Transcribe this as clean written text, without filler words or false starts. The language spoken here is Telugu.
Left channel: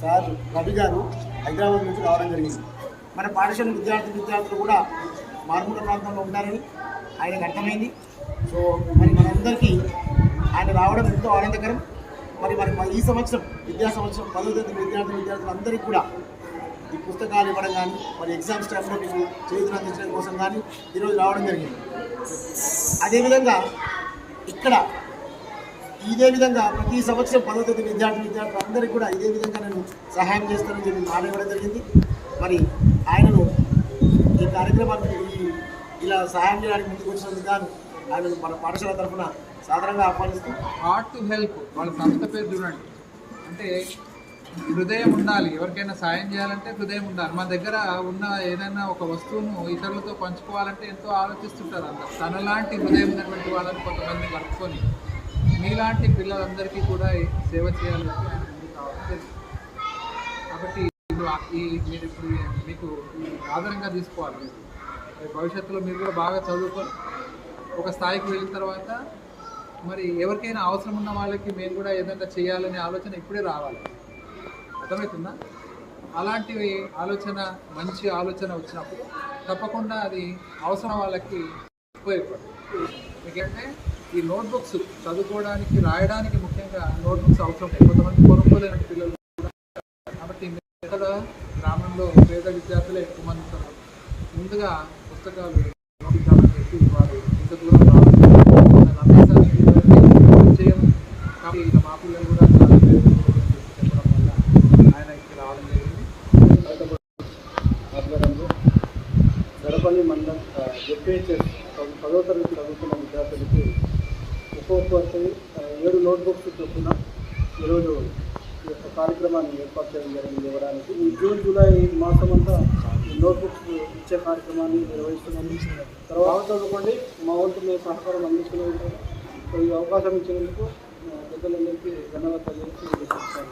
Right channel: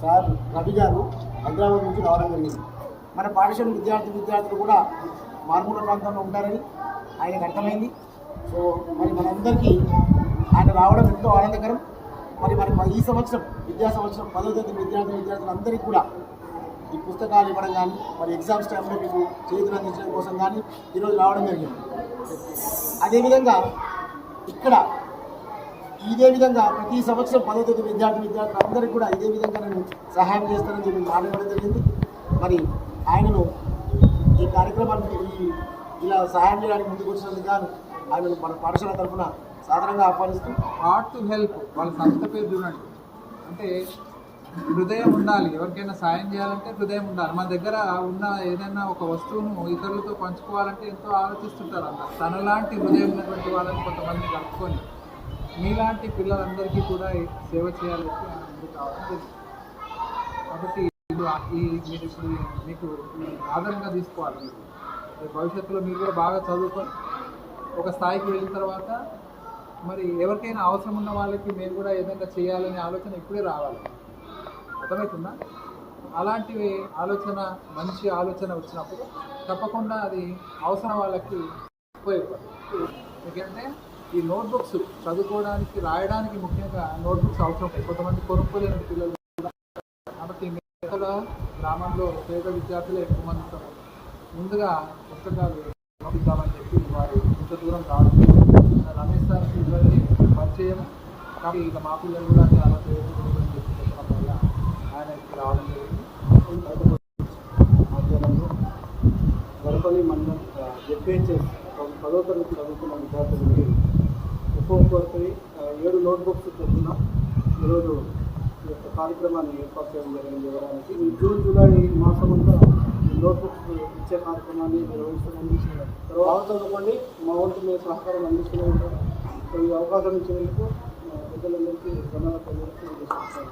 సార్ రవి గారు హైదరాబాద్ నుంచి రావడం జరిగింది. మన పాఠశాల విద్యార్థులు కూడా మారుమూల ప్రాంతంలో ఉంటారని ఆయనకు అర్థమైంది. సో మరి మనందరికీ ఆయన రావడం ఎంతో ఆనందకరం. మరి ఈ సంవత్సరం విద్యా సంవత్సరం 10వ తరగతి విద్యార్థులందరికీ కూడా ఈ పుస్తకాలు ఇవ్వడం కానీ మరి ఎగ్జామ్స్ టైంలో మీకు చేతులు అందించడం కోసం కానీ ఈరోజు రావడం జరిగింది. అదేవిధంగా ఇక్కడ ఇదే విధంగా ప్రతి సంవత్సరం 10వ తరగతి విద్యార్థులందరికీ కూడా ఇదే విధంగా నేను సహాయం చేస్తానని చెప్పి మాట ఇవ్వడం జరిగింది. మరి ఆయనను ఈ కార్యక్రమాన్ని ఇలా సహాయం చేయడానికి ముందుకు వచ్చినందుకు గాను ఆయనను మన పాఠశాల తరఫున సాధారణంగా ఆహ్వానిస్తూ హార్ట్ టు హెల్ప్ వాళ్ళ సంస్థ పేరు చూడండి. అంటే హృదయం ఉండాలి, ఎవరికైనా సాయం చేయాలంటే హృదయం ఉండాలి. మన దగ్గర ఉన్న ఏదైనా ఒక వస్తువును ఇతరులతో పంచుకోవాలంటే ఎంతో ఆలోచిస్తుంటారు. అందరూ తనలాంటి హృదయం ఉన్నటువంటి వాళ్ళని కొంతమంది కలుపుకొని మీలాంటి పిల్లలందరికీ కూడా సేవ చేయాలని ఆయన ముందుకు రావడం జరిగింది. కాబట్టి మీరు ఇప్పుడు మీకు ఆధారంగా తీసుకోవాలి. భవిష్యత్తులో మీరు కూడా బాగా చదువుకొని ఒక స్థాయికి వెళ్ళిన తర్వాత మరి ఎవరికైనా అవసరం ఉన్న వాళ్ళకి మేము కూడా ఏదైనా చేయాలనే ఆలోచన ఇప్పుడే రావాలి. అర్థమవుతుందా? అలాంటివి మంచి ఆలోచన వచ్చినప్పుడు తప్పకుండా అది అవసరం వాళ్ళకి ఉపయోగపడుతుంది. ఎందుకంటే ఈ నోట్బుక్స్ చదువుకోవడానికి రాయడానికి ముఖ్యంగా నోట్బుక్స్ అవసరం. కొంతమంది కొనుక్కోలేని పిల్లలు కూడా. కాబట్టి ఇక్కడ గ్రామంలో పేద విద్యార్థులే ఎక్కువ మంది ఉంటారు. ముందుగా పుస్తకాలు ఇద్దామని చెప్పి వారు ఇంత దూరం రావడం చేయము. కాబట్టి ఇక మా పిల్లలు కూడా చాలా పేరు చెప్పడం వల్ల ఆయన ఇక్కడ రావడం జరిగింది. ఆధ్వర్యంలో గడపల్లి మండలం జెడ్పీహెచ్ఎస్ 10వ తరగతి చదువుతున్న విద్యార్థులకి ఒక్కొక్కరికి 7 నోట్బుక్స్ చొప్పున ఈరోజు ఈ యొక్క కార్యక్రమాన్ని ఏర్పాటు చేయడం జరిగింది. ఇవ్వడానికి ఈ జూన్ జూలై మాసం అంతా నోట్బుక్స్ ఇచ్చే కార్యక్రమాన్ని నిర్వహిస్తున్నాము. తర్వాత చదువుకోండి, మా వంతు మేము సహకారం అందిస్తూనే ఉంటాం. సో ఈ అవకాశం ఇచ్చినందుకు పెద్దలందరికీ ధన్యవాదాలు తెలియజేస్తున్నాను.